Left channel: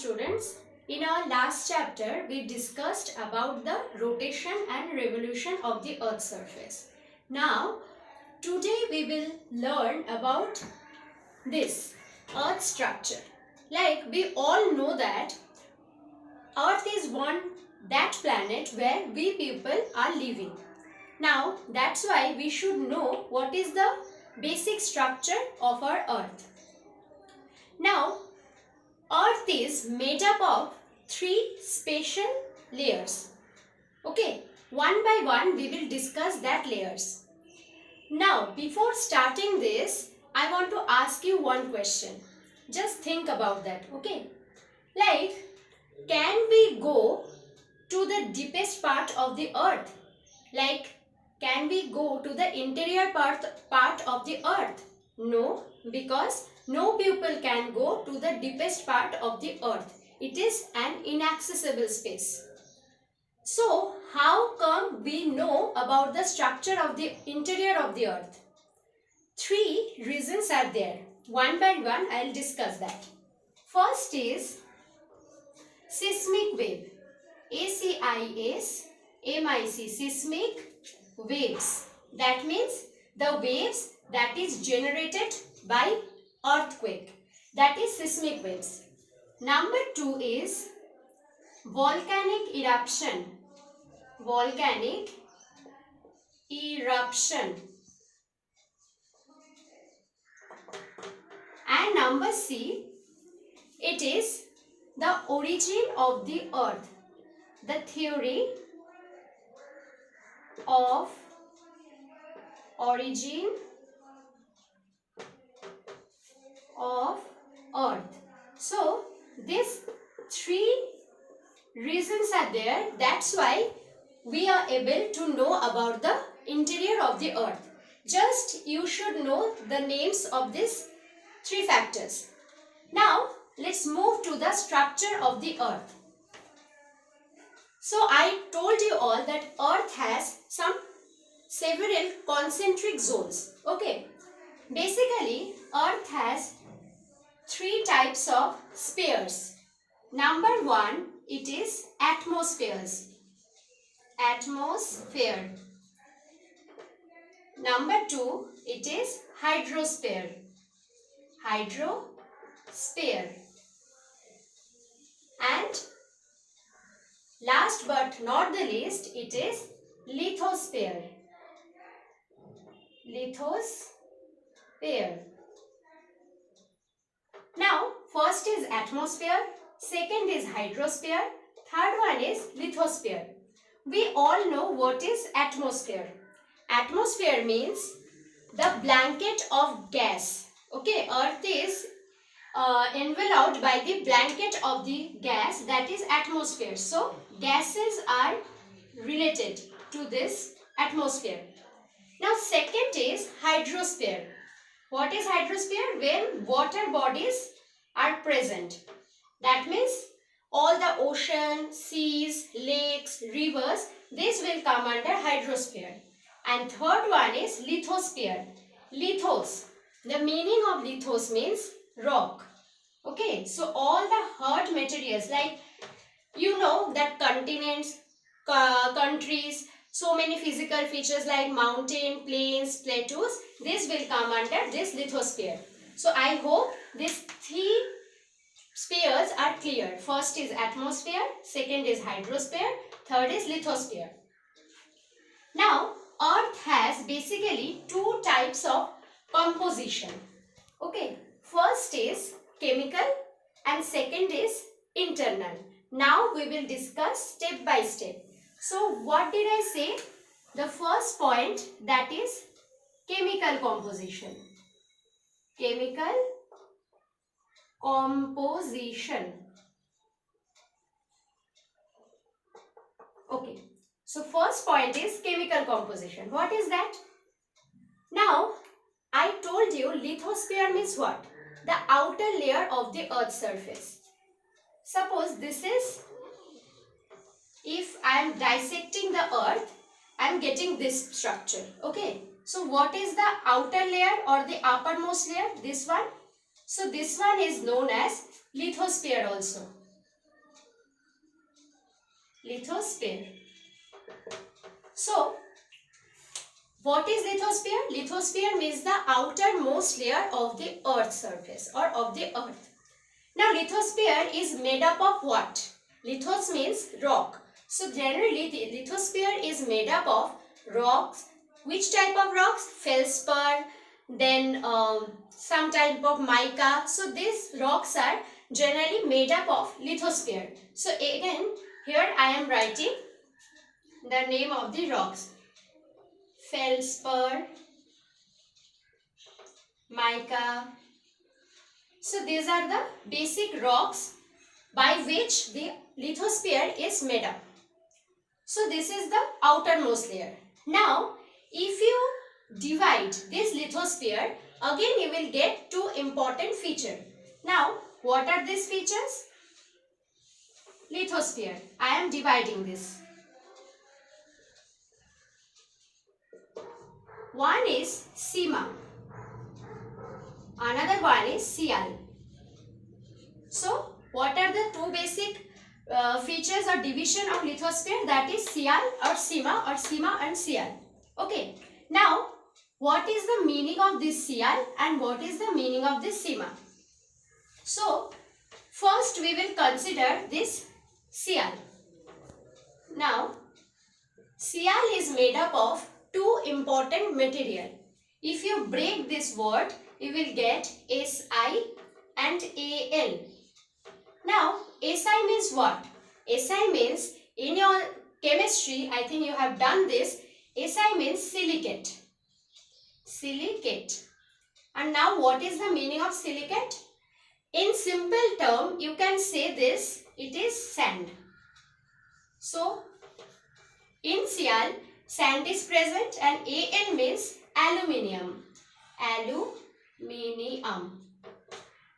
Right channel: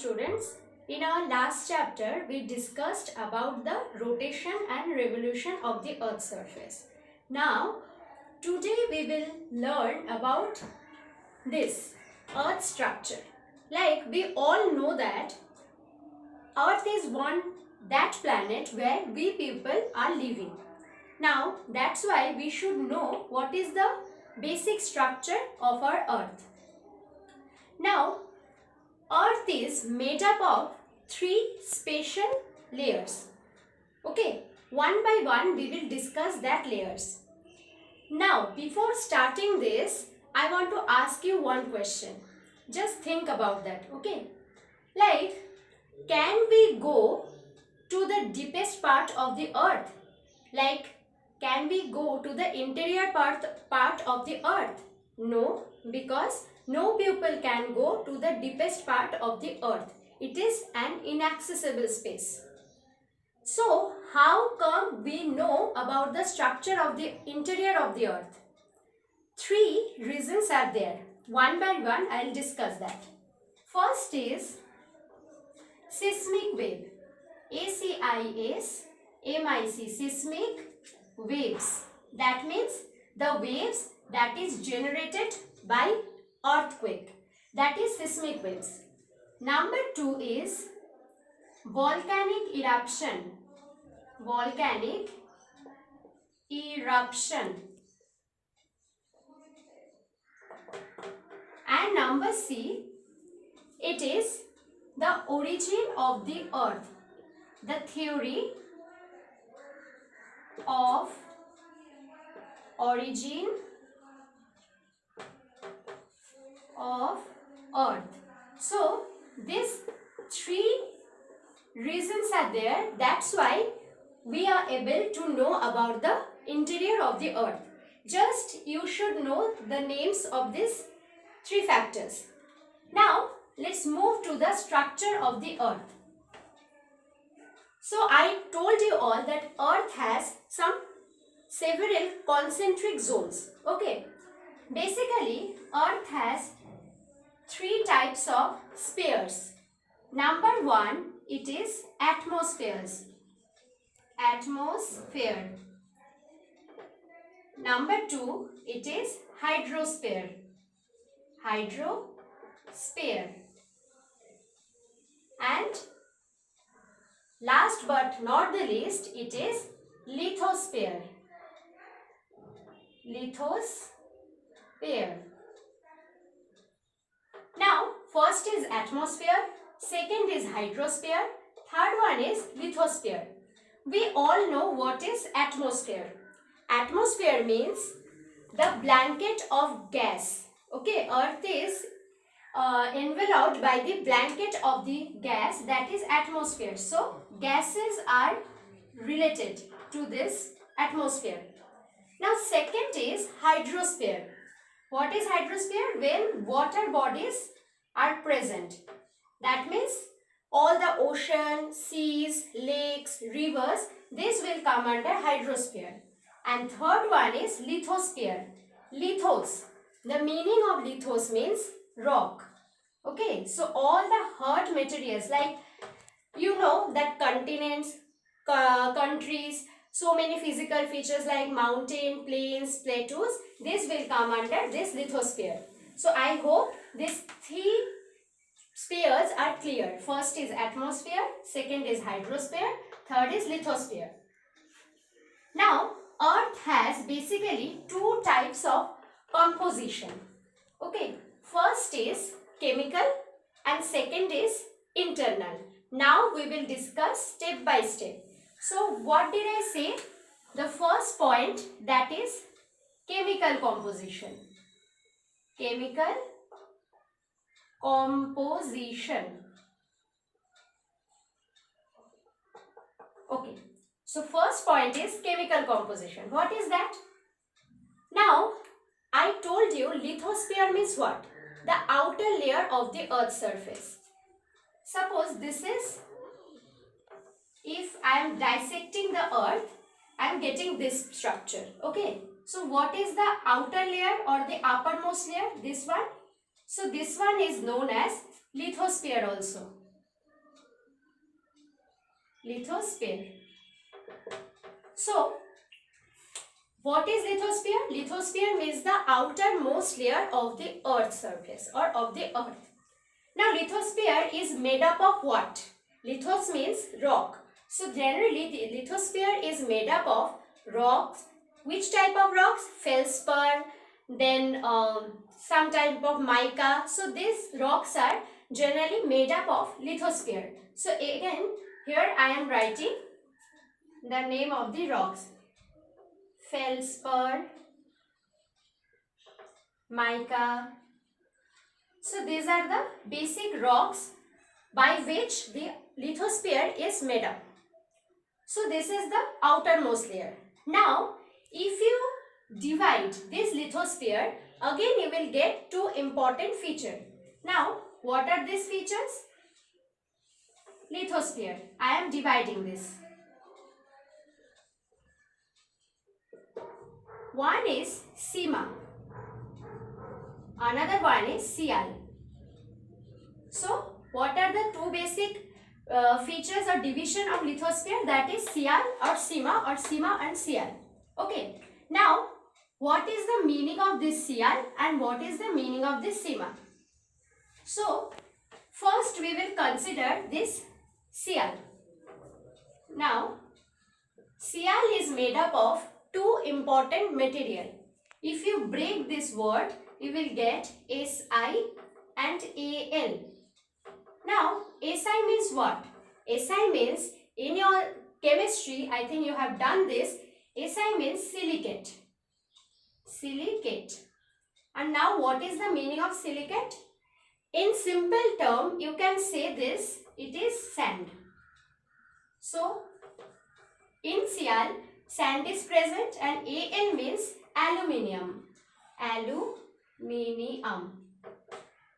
Students, in our last chapter we discussed about the rotation and revolution of the earth's surface. Now today we will learn about this earth structure. Like we all know that earth is that planet where we people are living. Now that's why we should know what is the basic structure of our earth. Now earth is made up of three spatial layers. Okay, one by one we will discuss that layers. Now before starting this, I want to ask you one question. Just think about that, okay? Like, can we go to the deepest part of the earth? Like, can we go to the interior part of the earth? No, because no people can go to the deepest part of the earth. It is an inaccessible space. So, how come we know about the structure of the interior of the earth? Three reasons are there. One by one, I will discuss that. First is seismic wave. ACIS-MIC, seismic waves. That means the waves that is generated by earthquake. That is seismic waves. Number two is volcanic eruption. Volcanic eruption. And number C, it is the origin of the earth. The theory of origin of earth. So these three reasons are there. That's why we are able to know about the interior of the earth. Just you should know the names of these three factors. Now let's move to the structure of the earth. So I told you all that earth has several concentric zones. Okay. Basically, earth has three types of spheres. Number one, it is atmospheres. Atmosphere. Number two, it is hydrosphere. Hydrosphere. And last but not the least, it is lithosphere. Lithosphere. Now, first is atmosphere, second is hydrosphere, third one is lithosphere. We all know what is atmosphere. Atmosphere means the blanket of gas. Okay, earth is enveloped by the blanket of the gas, that is atmosphere. So, gases are related to this atmosphere. Now, second is hydrosphere. What is hydrosphere? When water bodies are present. That means all the ocean, seas, lakes, rivers, this will come under hydrosphere. And third one is lithosphere. Lithos. The meaning of lithos means rock. Okay, so all the hard materials, like you know that continents, countries, so many physical features like mountain, plains, plateaus, this will come under this lithosphere. So I hope these three spheres are clear. First is atmosphere, second is hydrosphere, third is lithosphere. Now, earth has basically two types of composition. Okay, first is chemical and second is internal. Now we will discuss step by step. So what did I say? The first point, that is chemical composition. Chemical composition. Okay. So first point is chemical composition. What is that? Now I told you lithosphere means what? The outer layer of the earth's surface. Suppose this is, if I am dissecting the earth, I am getting this structure. Okay. So what is the outer layer or the uppermost layer? This one. So this one is known as lithosphere also. Lithosphere. So, what is lithosphere? Lithosphere means the outermost layer of the earth's surface or of the earth. Now, lithosphere is made up of what? Lithos means rock. So, generally the lithosphere is made up of rocks. Which type of rocks? Feldspar, then some type of mica. So, these rocks are generally made up of lithosphere. So, again, here I am writing the name of the rocks. Feldspar, mica. So these are the basic rocks by which the lithosphere is made up. So this is the outermost layer. Now if you divide this lithosphere, again you will get two important features. Now what are these features? Lithosphere. I am dividing this. One is Sima. Another one is Sial. So, what are the two basic features or division of lithosphere? That is Sial or Sima and Sial. Okay. Now, what is the meaning of this Sial and what is the meaning of this Sima? So, first we will consider this Sial. Now, Sial is made up of two important material. If you break this word, you will get Si and Al. Now, Si means what? Si means, in your chemistry, I think you have done this, Si means silicate. Silicate. And now what is the meaning of silicate? In simple term, you can say this, it is sand. So, in Sial, sand is present and Al means aluminium. Aluminium.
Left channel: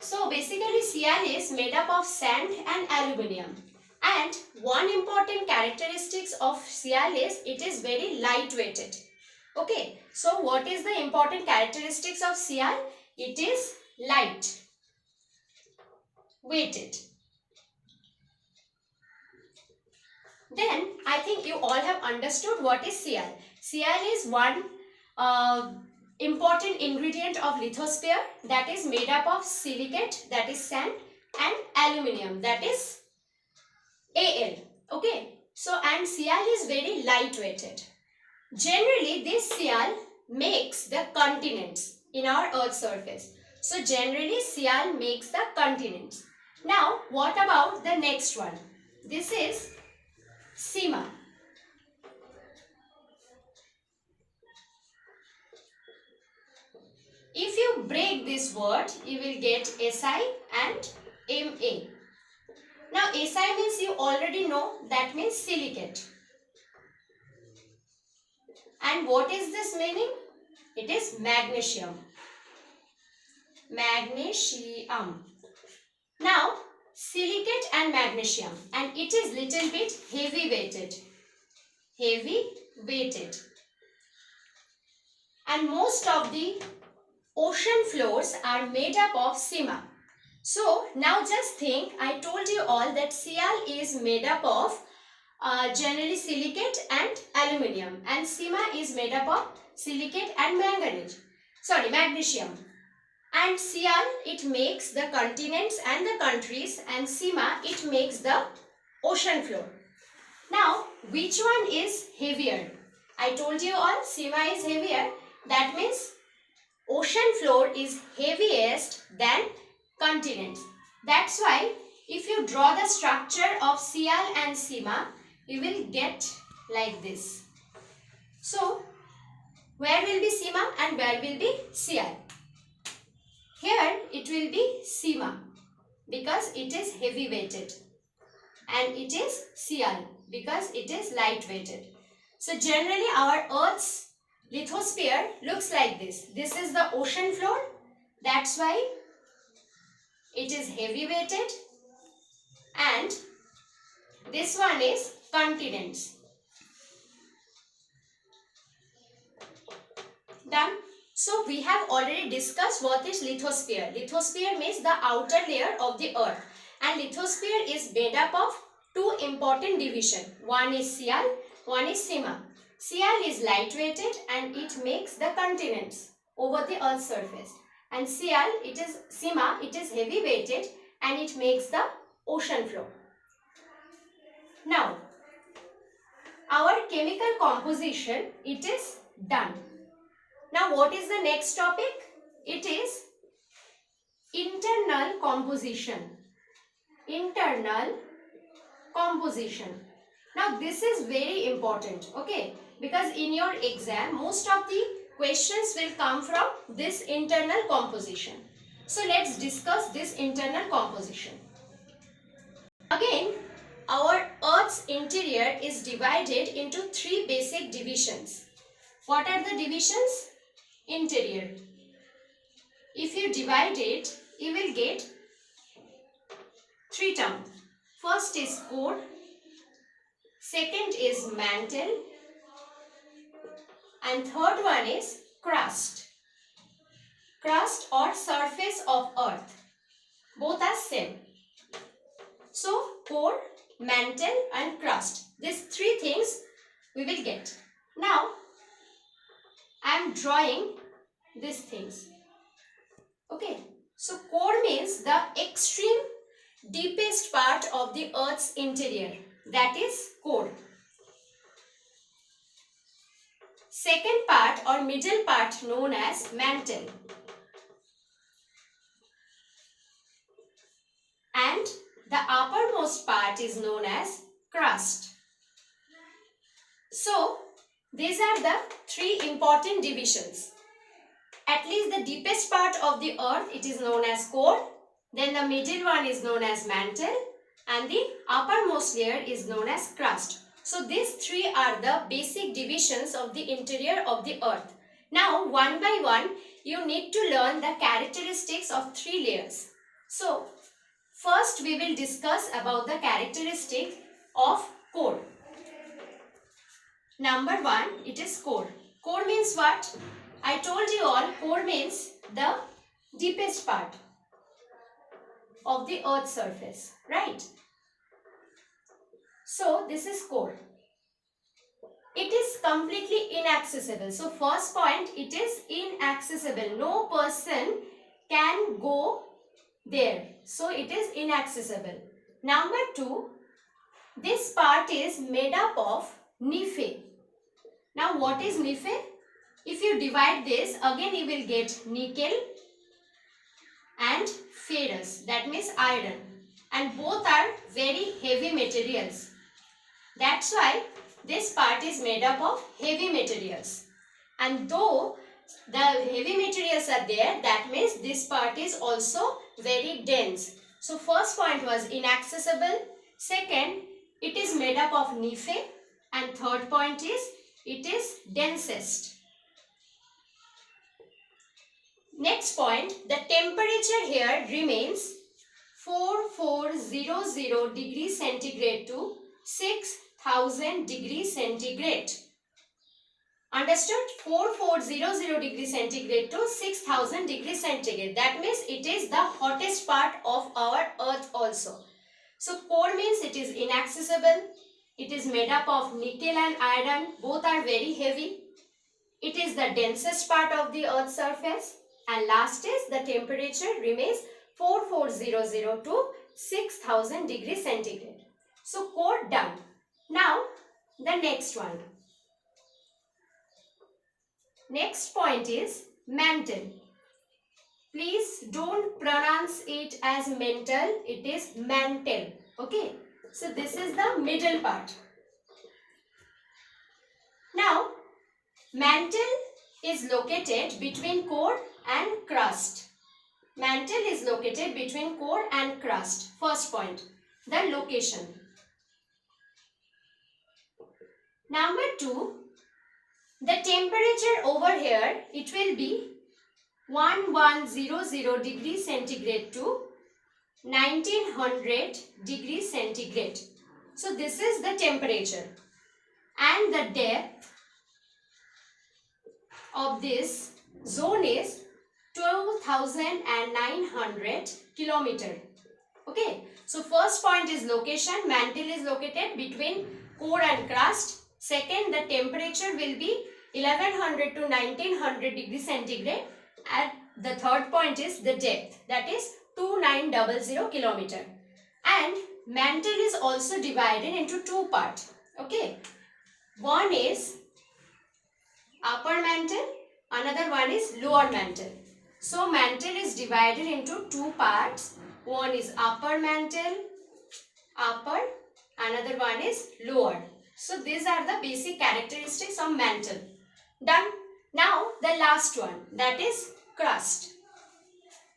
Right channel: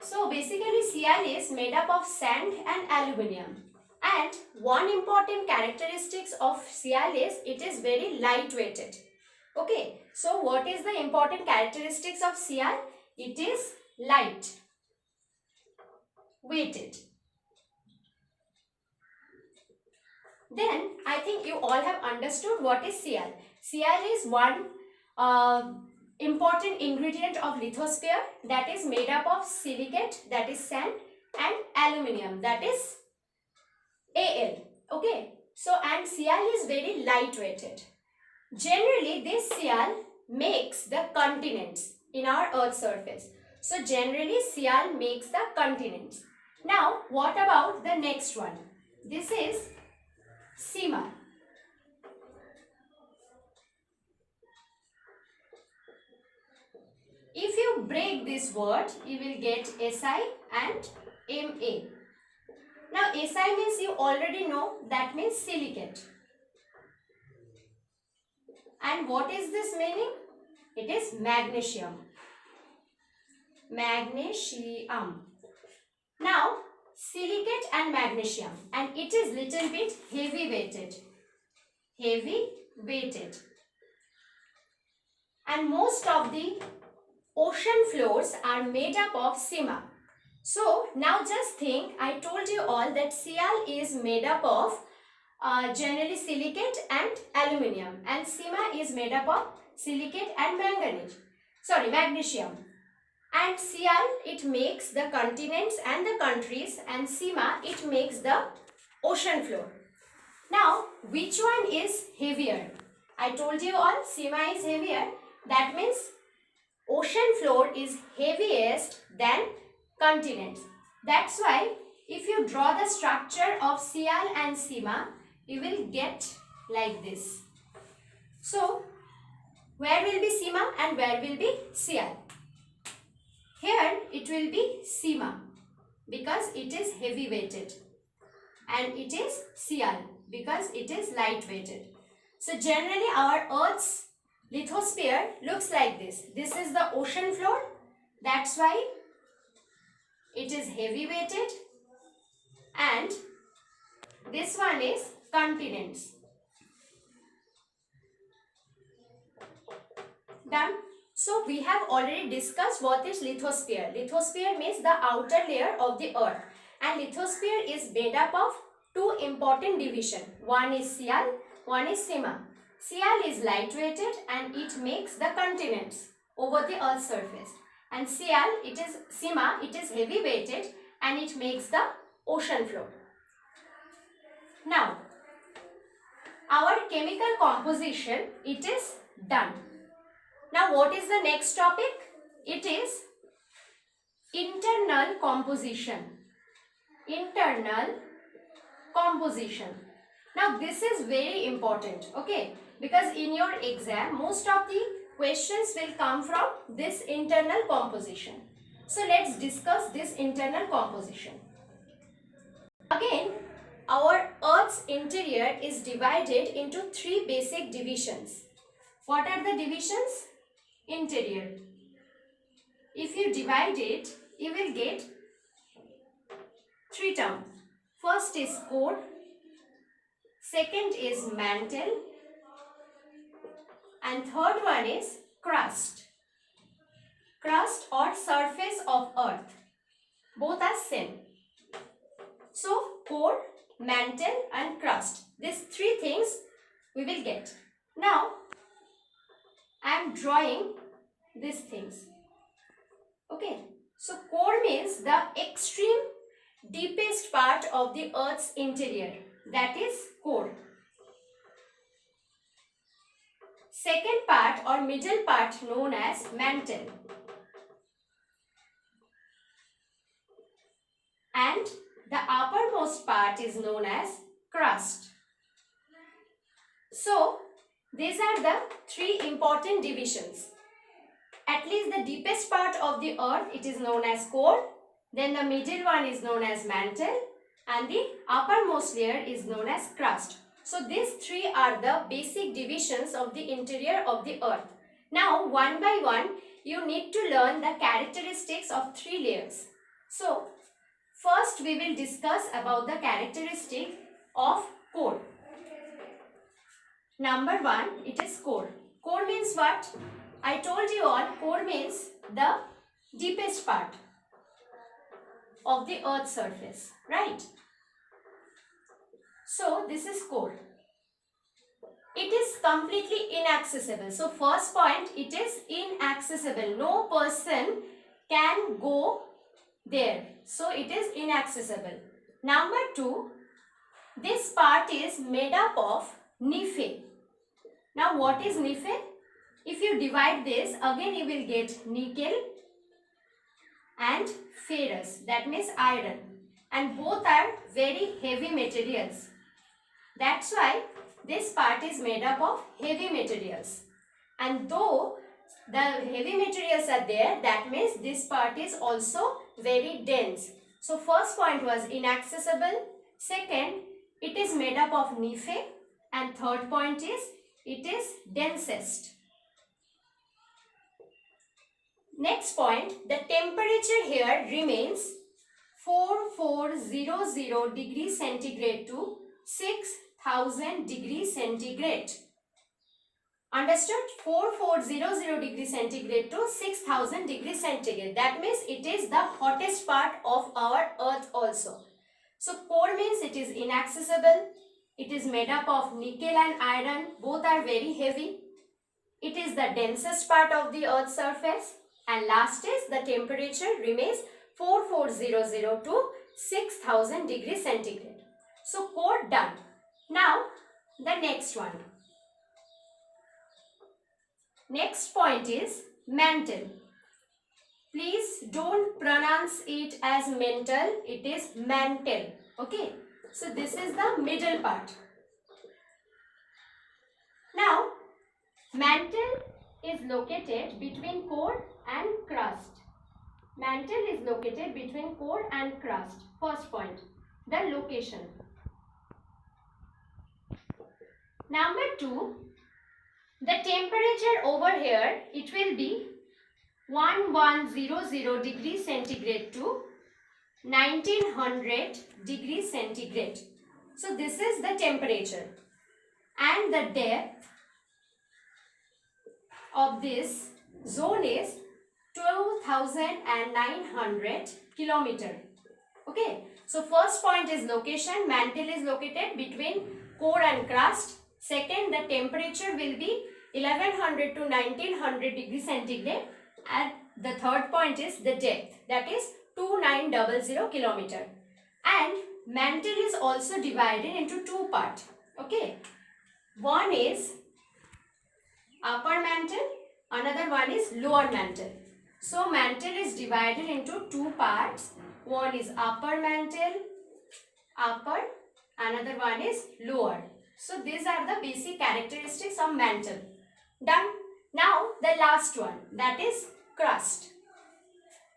So basically Sial is made up of sand and aluminium. And one important characteristics of Sial is it is very light weighted. Okay. So what is the important characteristics of Sial? It is light weighted. Then I think you all have understood what is Sial. Sial is one important ingredient of lithosphere that is made up of silicate, that is sand, and aluminium, that is Al. Okay. So and Sial is very light weighted. Generally this Sial makes the continents in our earth's surface. So generally Sial makes the continents. Now what about the next one? This is Sima. If you break this word, you will get Si and Ma. Now Si means you already know, that means silicate. And what is this meaning? It is magnesium. Magnesium. Now silicate and magnesium, and it is little bit heavy weighted. Heavy weighted. And most of the ocean floors are made up of Sima. So now just think, I told you all that Sial is made up of generally silicate and aluminium, and Sima is made up of silicate and magnesium. And Sial, it makes the continents and the countries, and Sima, it makes the ocean floor. Now, which one is heavier? I told you all, Sima is heavier. That means ocean floor is heaviest than continents. That's why if you draw the structure of Sial and Sima, you will get like this. So, where will be Sima and where will be Sial? Here it will be Sima because it is heavy weighted, and it is Sial because it is light weighted. So generally our Earth's lithosphere looks like this. This is the ocean floor. That's why it is heavy weighted, and this one is continents. Done. So we have already discussed what is lithosphere. Lithosphere means the outer layer of the earth, and lithosphere is made up of two important division. One is Sial, one is Sima. Sial is lightweighted and it makes the continents over the Earth's surface. And Sima, it is heavy weighted and it makes the ocean floor. Now, our chemical composition, it is done. Now, what is the next topic? It is internal composition. Internal composition. Now, this is very important, okay? Because in your exam, most of the questions will come from this internal composition. So, let's discuss this internal composition. Again, our Earth's interior is divided into three basic divisions. What are the divisions? Interior. If you divide it, you will get three terms. First is core, second is mantle, and third one is crust. Crust or surface of Earth. Both are same. So, core, mantle and crust. These three things we will get. Now, I am drawing these things. Okay. So, core means the extreme deepest part of the Earth's interior. That is core. Second part or middle part known as mantle. And the uppermost part is known as crust. So, these are the three important divisions. At least the deepest part of the Earth, it is known as core. Then the middle one is known as mantle. And the uppermost layer is known as crust. So, these three are the basic divisions of the interior of the Earth. Now, one by one, you need to learn the characteristics of three layers. So, first we will discuss about the characteristic of core. Number one, it is core. Core means what? I told you all, core means the deepest part of the Earth's surface, right? So, this is core. It is completely inaccessible. So, first point, it is inaccessible. No person can go there. So, it is inaccessible. Number two, this part is made up of Nephe. Now, what is Nephe? If you divide this, again you will get nickel and ferrous. That means iron. And both are very heavy materials. That's why this part is made up of heavy materials. And though the heavy materials are there, that means this part is also very dense. So, first point was inaccessible. Second, it is made up of Nephe. And third point is, it is densest. Next point, the temperature here remains 4400 degrees centigrade to 6000 degrees centigrade. Understood? 4400 degrees centigrade to 6000 degrees centigrade. That means it is the hottest part of our Earth also. So, core means it is inaccessible. It is made up of nickel and iron. Both are very heavy. It is the densest part of the Earth's surface. And last is the temperature remains 4400 to 6000 degrees centigrade. So, core done. Now, the next one. Next point is mantle. Please don't pronounce it as mental. It is mantle. Okay. So, this is the middle part. Now, mantle is located between core and crust. Mantle is located between core and crust. First point, the location. Number two, the temperature over here, it will be 1100 degrees centigrade to 1900 degrees centigrade. So, this is the temperature. And the depth of this zone is 2900 kilometer. Okay. So first point is location. Mantle is located between core and crust. Second, the temperature will be 1100 to 1900 degrees centigrade. And the third point is the depth, that is 2900 kilometer. And mantle is also divided into two parts. Okay, one is upper mantle, another one is lower mantle. So mantle is divided into two parts. One is upper mantle, upper, another one is lower. So these are the basic characteristics of mantle. Done. Now the last one, that is crust.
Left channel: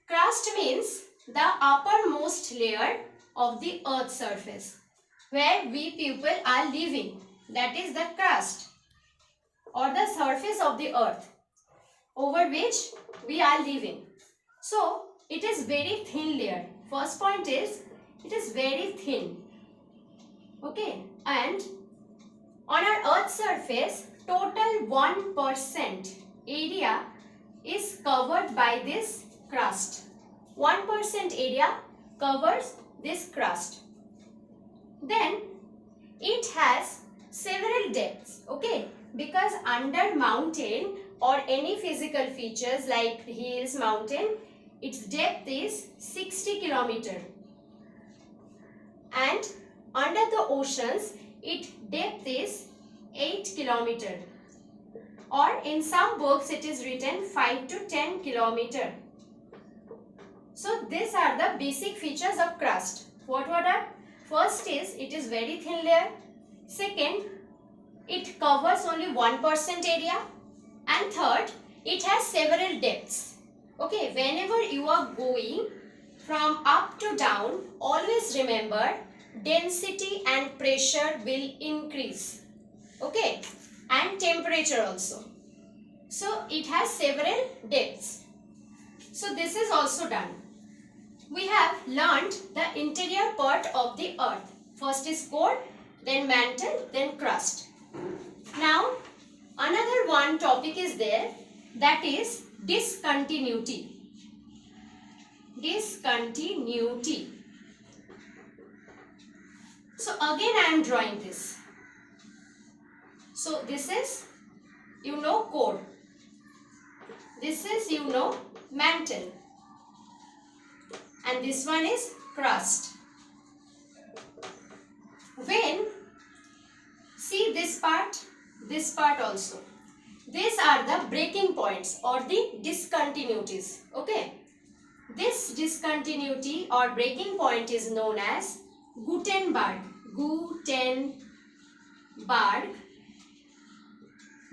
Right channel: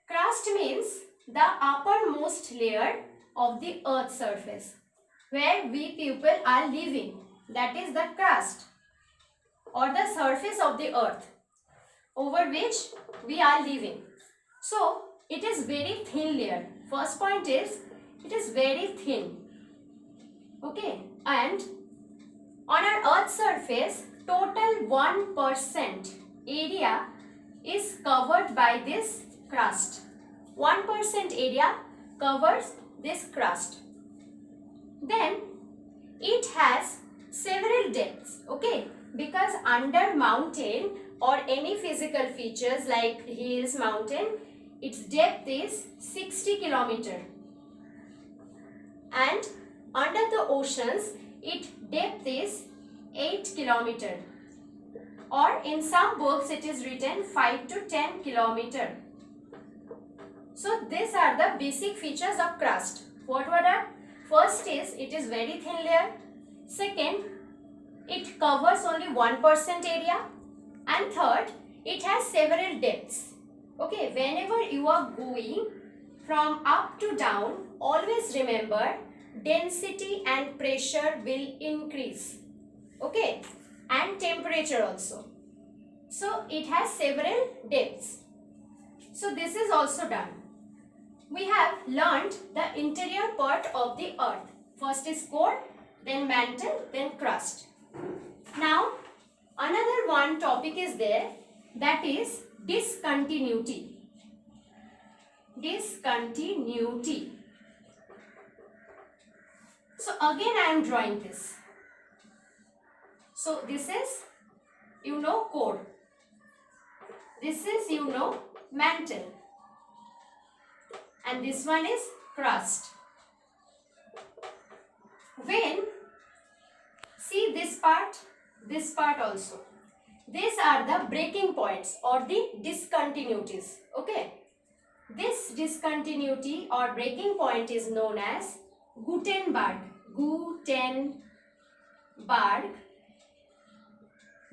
Crust means the uppermost layer of the earth surface where we people are living. That is the crust or the surface of the earth over which we are living. So it is very thin layer. First point is it is very thin. Okay, and on our earth's surface, total 1% area is covered by this crust. 1% area covers this crust. Then it has several depths, okay, because under mountain or any physical features like hills, mountain, its depth is 60 kilometer. And under the oceans, its depth is 8 kilometer. Or in some books, it is written 5 to 10 kilometer. So these are the basic features of crust. What were that? First is it is very thin layer. Second, it covers only 1% area. And third, it has several depths. Okay, whenever you are going from up to down, always remember density and pressure will increase. Okay, and temperature also. So it has several depths. So this is also done. We have learnt the interior part of the earth. First is core, then mantle, then crust. Now another one topic is there, that is discontinuity. Discontinuity. So again I am drawing this. So this is, you know, core. This is, you know, mantle. And this one is crust. When, see this part also. These are the breaking points or the discontinuities. Okay. This discontinuity or breaking point is known as Gutenberg. Gutenberg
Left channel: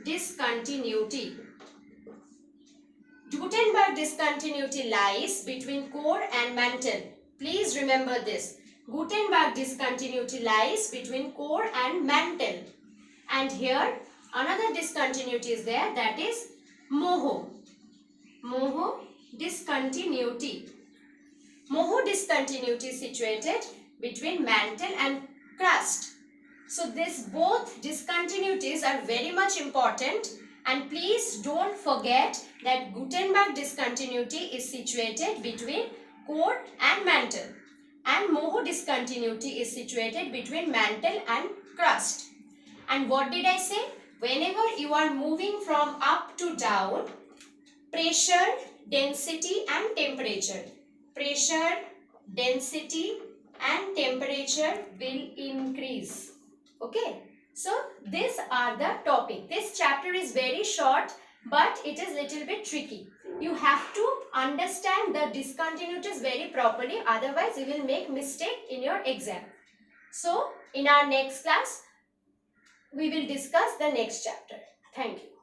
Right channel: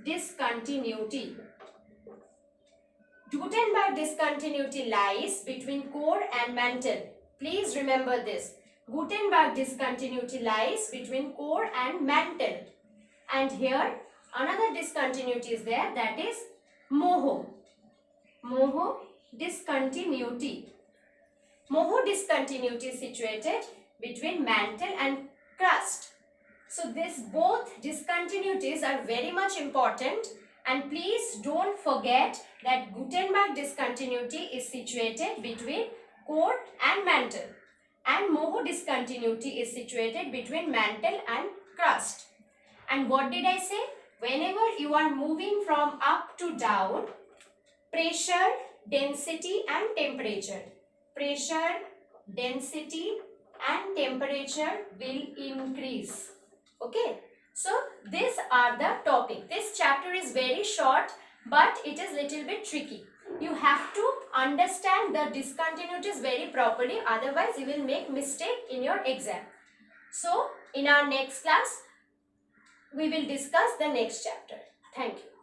discontinuity. Gutenberg discontinuity lies between core and mantle. Please remember this. Gutenberg discontinuity lies between core and mantle. And here another discontinuity is there, that is Moho. Moho discontinuity. Moho discontinuity is situated between mantle and crust. So these both discontinuities are very much important, and please don't forget that Gutenberg discontinuity is situated between core and mantle, and Moho discontinuity is situated between mantle and crust. And what did I say? Whenever you are moving from up to down, pressure, density and temperature. Pressure, density and temperature will increase. Okay. So these are the topic. This chapter is very short, but it is little bit tricky. You have to understand the discontinuities very properly, otherwise you will make mistake in your exam. So in our next class, we will discuss the next chapter. Thank you.